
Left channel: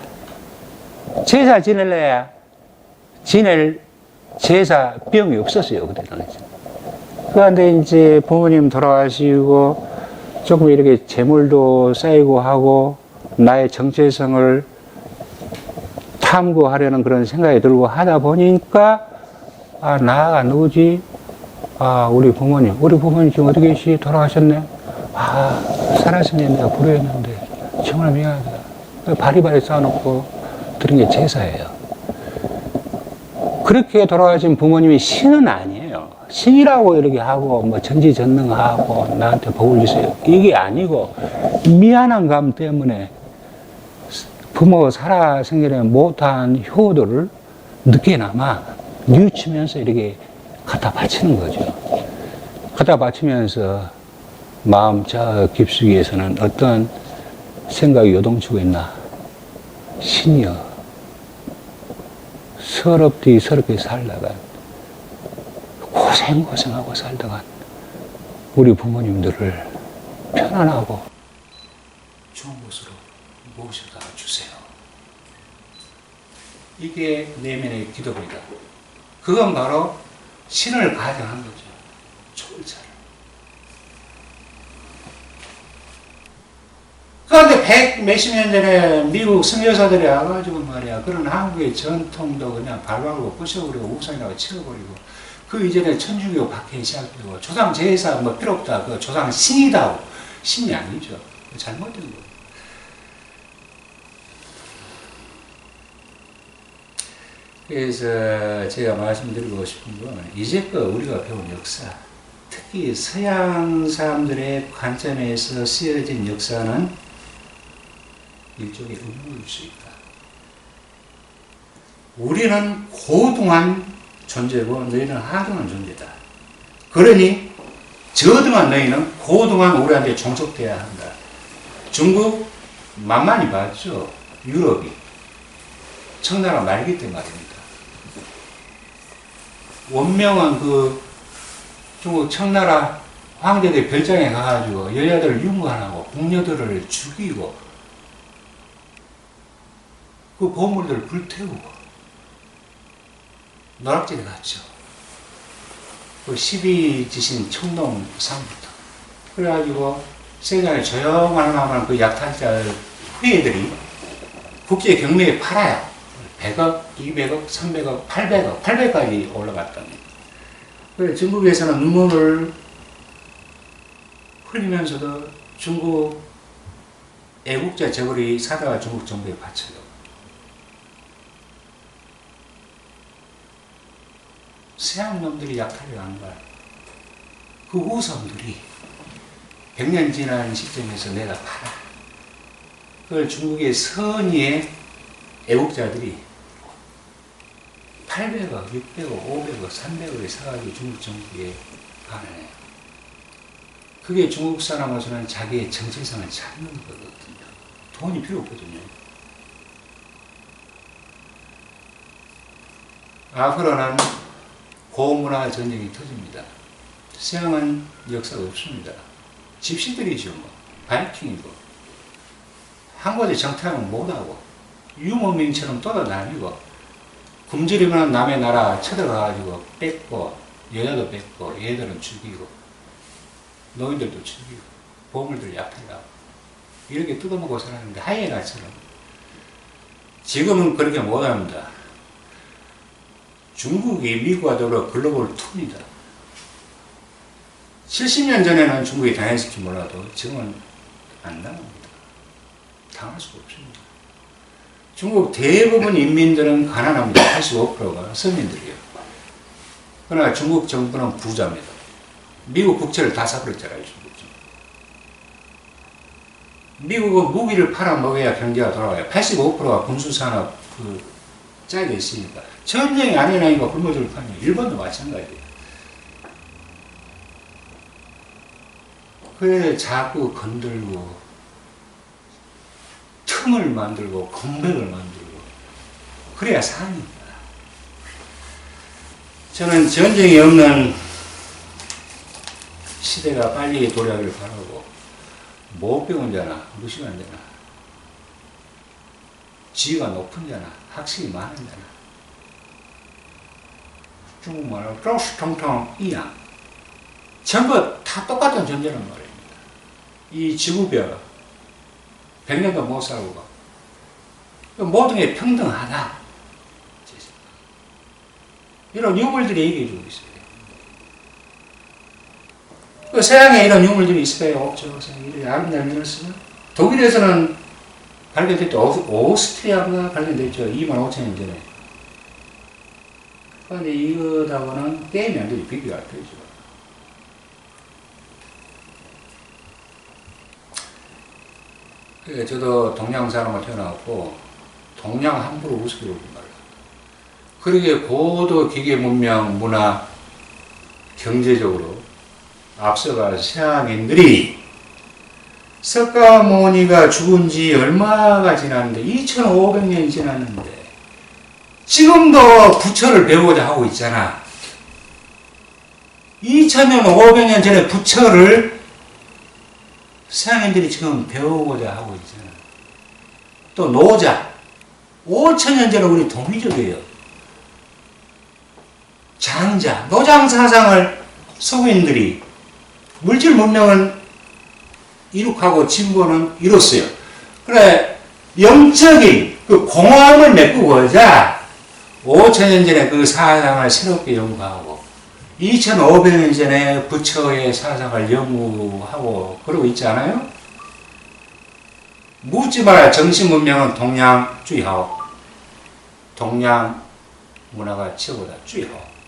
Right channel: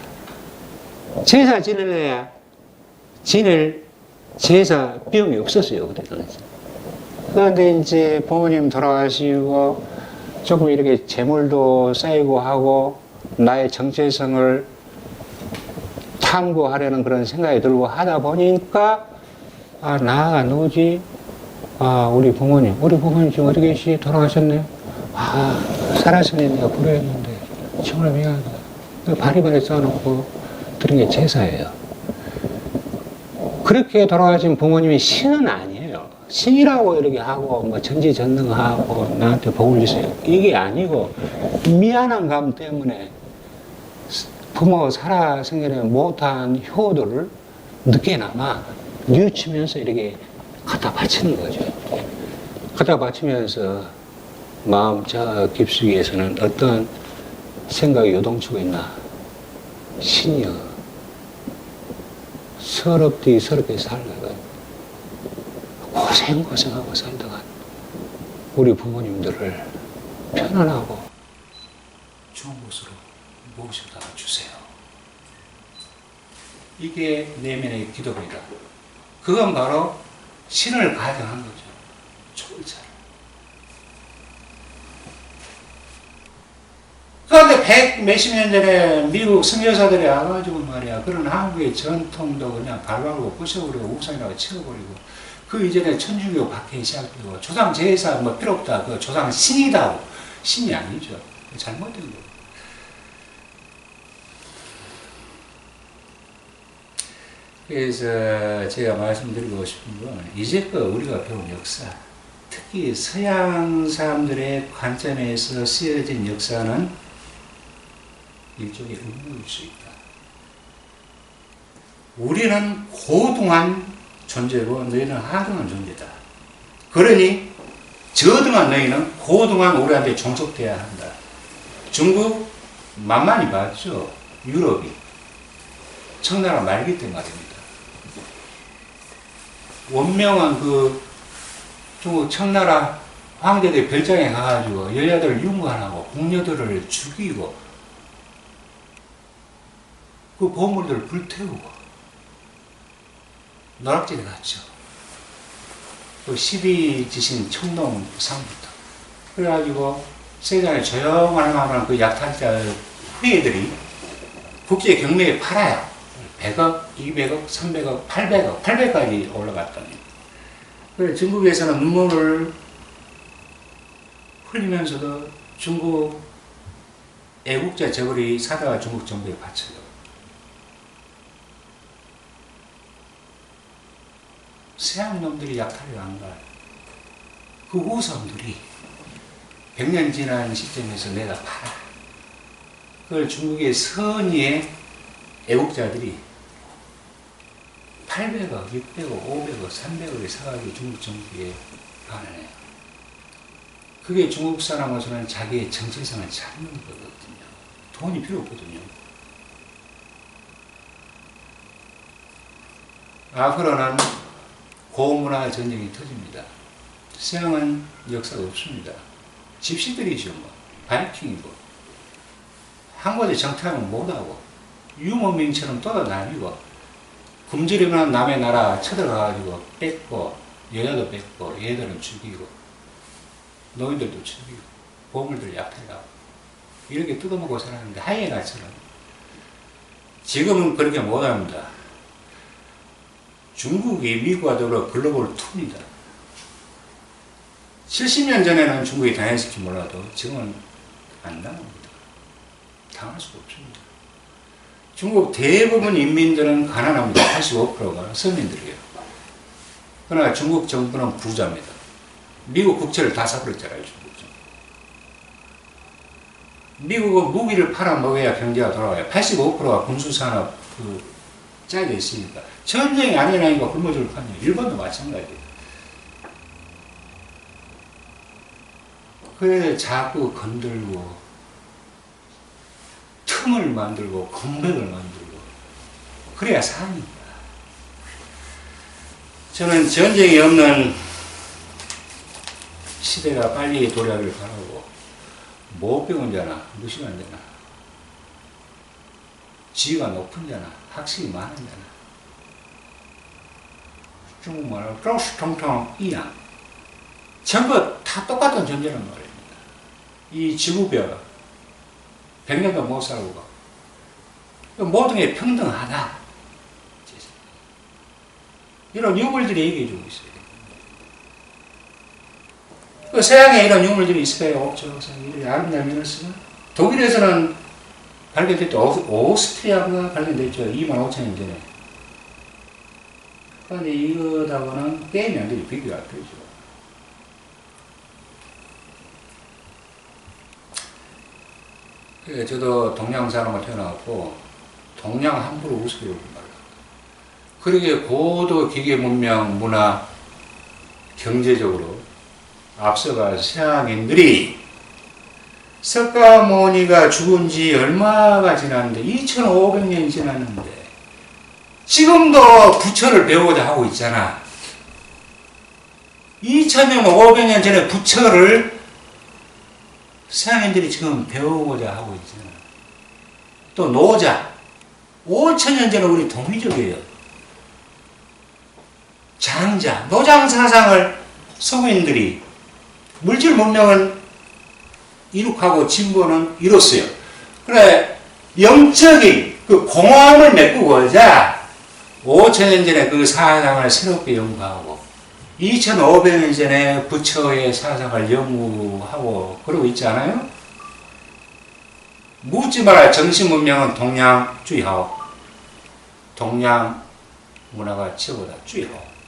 제사 지내려야 지낼 제사 비용이 없었어요, 그때는. 그런데 이제 부모님 돌아가시고 조금 이렇게 재물도 쌓이고 하고 나의 정체성을 탐구하려는 그런 생각이 들고 하다 보니까 나가 누구지? 우리 부모님 지금 어디 계시? 돌아가셨네? 살았으면 내가 불효했는데 정말 미안하다. 바리바리 쌓아놓고 드린 게 제사예요. 그렇게 돌아가신 부모님이 신은 아니에요. 신이요. 신이라고 이렇게 하고 뭐 전지전능하고 나한테 복을 주세요. 이게 아니고 미안한 감 때문에 부모 살아생전에 못한 효도를 늦게나마 뉘우치면서 이렇게 갖다 바치는 거죠. 갖다 바치면서 마음 저 깊숙이에서는 어떤 생각이 요동치고 있나? 신이여, 서럽게 살다간, 고생하고 살다간 우리 부모님들을 편안하고 좋은 곳으로 모셔다 주세요. 이게 내면의 기도입니다. 그건 바로 신을 가정한 거죠. 초월자를. 그런데 백 몇십 년 전에 미국 선교사들이 와가지고 말이야, 그런 한국의 전통도 그냥 발발고 부셔버리고 우상이라고 치워버리고, 그 이전에 천주교 박해 시작되고, 조상 제사 뭐 필요 없다, 그 조상 신이다, 신이 아니죠. 잘못된 거예요. 그래서 제가 말씀드리고 싶은 건, 이제껏 우리가 배운 역사, 특히 서양 사람들의 관점에서 쓰여진 역사는 일종의 음모일 수 있다. 우리는 고등한 존재고 너희는 하등한 존재다. 그러니 저등한 너희는 고등한 우리한테 종속돼야 한다. 중국 만만히 봤죠. 유럽이 청나라 말기 때 말입니다. 원명은 그 중국 청나라 황제들 별장에 가가지고 여자들을 유무하고 궁녀들을 죽이고 그 보물들을 불태우고 노락질에 갔죠. 그 12지신 청동상부터. 그래가지고 세상에 조용한 하면 그 약탈자 후예들이 국제 경매에 팔아요. 100억, 200억, 300억, 800억, 800까지 올라갔다니. 그래서 중국에서는 눈물을 흘리면서도 중국 애국자 저글이 사다가 중국 정부에 바쳐요. 서양 놈들이 약탈을 한 걸, 그 후손들이 100년 지난 시점에서 내다 팔아. 그걸 중국의 선의의 애국자들이 800억, 600억, 500억, 300억에 사가지고 중국 정부에 반환해요. 그게 중국 사람으로서는 자기의 정체성을 찾는 거거든요. 돈이 필요 없거든요. 앞으로는 고문화 전쟁이 터집니다. 서양은 역사가 없습니다. 집시들이죠. 뭐. 바이킹이고. 한 곳에 정착은 못하고 유목민처럼 떠나다니고 굶주리면 남의 나라 쳐들어가가지고 뺏고 여자도 뺏고 얘들은 죽이고 노인들도 죽이고 보물들 약탈하고 이렇게 뜯어먹고 살았는데 하이에나처럼. 지금은 그렇게 못합니다. 중국이 미국과 더불어 글로벌 투입니다. 70년 전에는 중국이 당했을지 몰라도 지금은 안 당합니다. 당할 수가 없습니다. 중국 대부분 인민들은 가난합니다. 85%가 서민들이에요. 그러나 중국 정부는 부자입니다. 미국 국채를 다 사버렸잖아요. 중국 정부. 미국은 무기를 팔아먹어야 경제가 돌아가요. 85%가 군수산업 짜여 있으니까. 전쟁이 아니라니까 굶어줄 판이에요. 일본도 마찬가지예요. 그래 자꾸 건들고 틈을 만들고 공백을 만들고 그래야 사니까. 저는 전쟁이 없는 시대가 빨리 도래하길 바라고, 못 배운 자나 무식한 자나 지위가 높은 자나 학식이 많은 자나 중국말로 쪼스통통 이양 전부 다 똑같은 존재란 말입니다. 이 지구별 100년도 못 살고 모든 게 평등하다. 이런 유물들이 얘기해주고 있어요. 그 서양에 이런 유물들이 있어요. 없죠. 이렇게 아름다운 면을 쓰면 독일에서는 발견됐죠. 오스트리아가 발견됐죠. 25,000년 전에. 근데 이거하고는 게임이 안 되죠. 비교가 안 되죠. 그러니까 저도 동양 사람을 태어나고 동양 함부로 우습게 보지 말라. 그러기에 고도 기계 문명, 문화, 경제적으로 앞서갈 서양인들이 석가모니가 죽은 지 얼마가 지났는데 2500년이 지났는데 지금도 부처를 배우고자 하고 있잖아. 2000년, 500년 전에 부처를 서양인들이 지금 배우고자 하고 있잖아. 또 노자. 5000년 전에 우리 도미족이에요. 장자, 노장 사상을 서구인들이 물질 문명을 이룩하고 진보는 이뤘어요. 그래, 영적인 그 공허함을 메꾸고자 5000년 전에 그 사상을 새롭게 연구하고 2500년 전에 부처의 사상을 연구하고 그러고 있지 않아요? 묻지 마라. 정신문명은 동양 주의하오. 동양 문화가 최고다. 주의하오.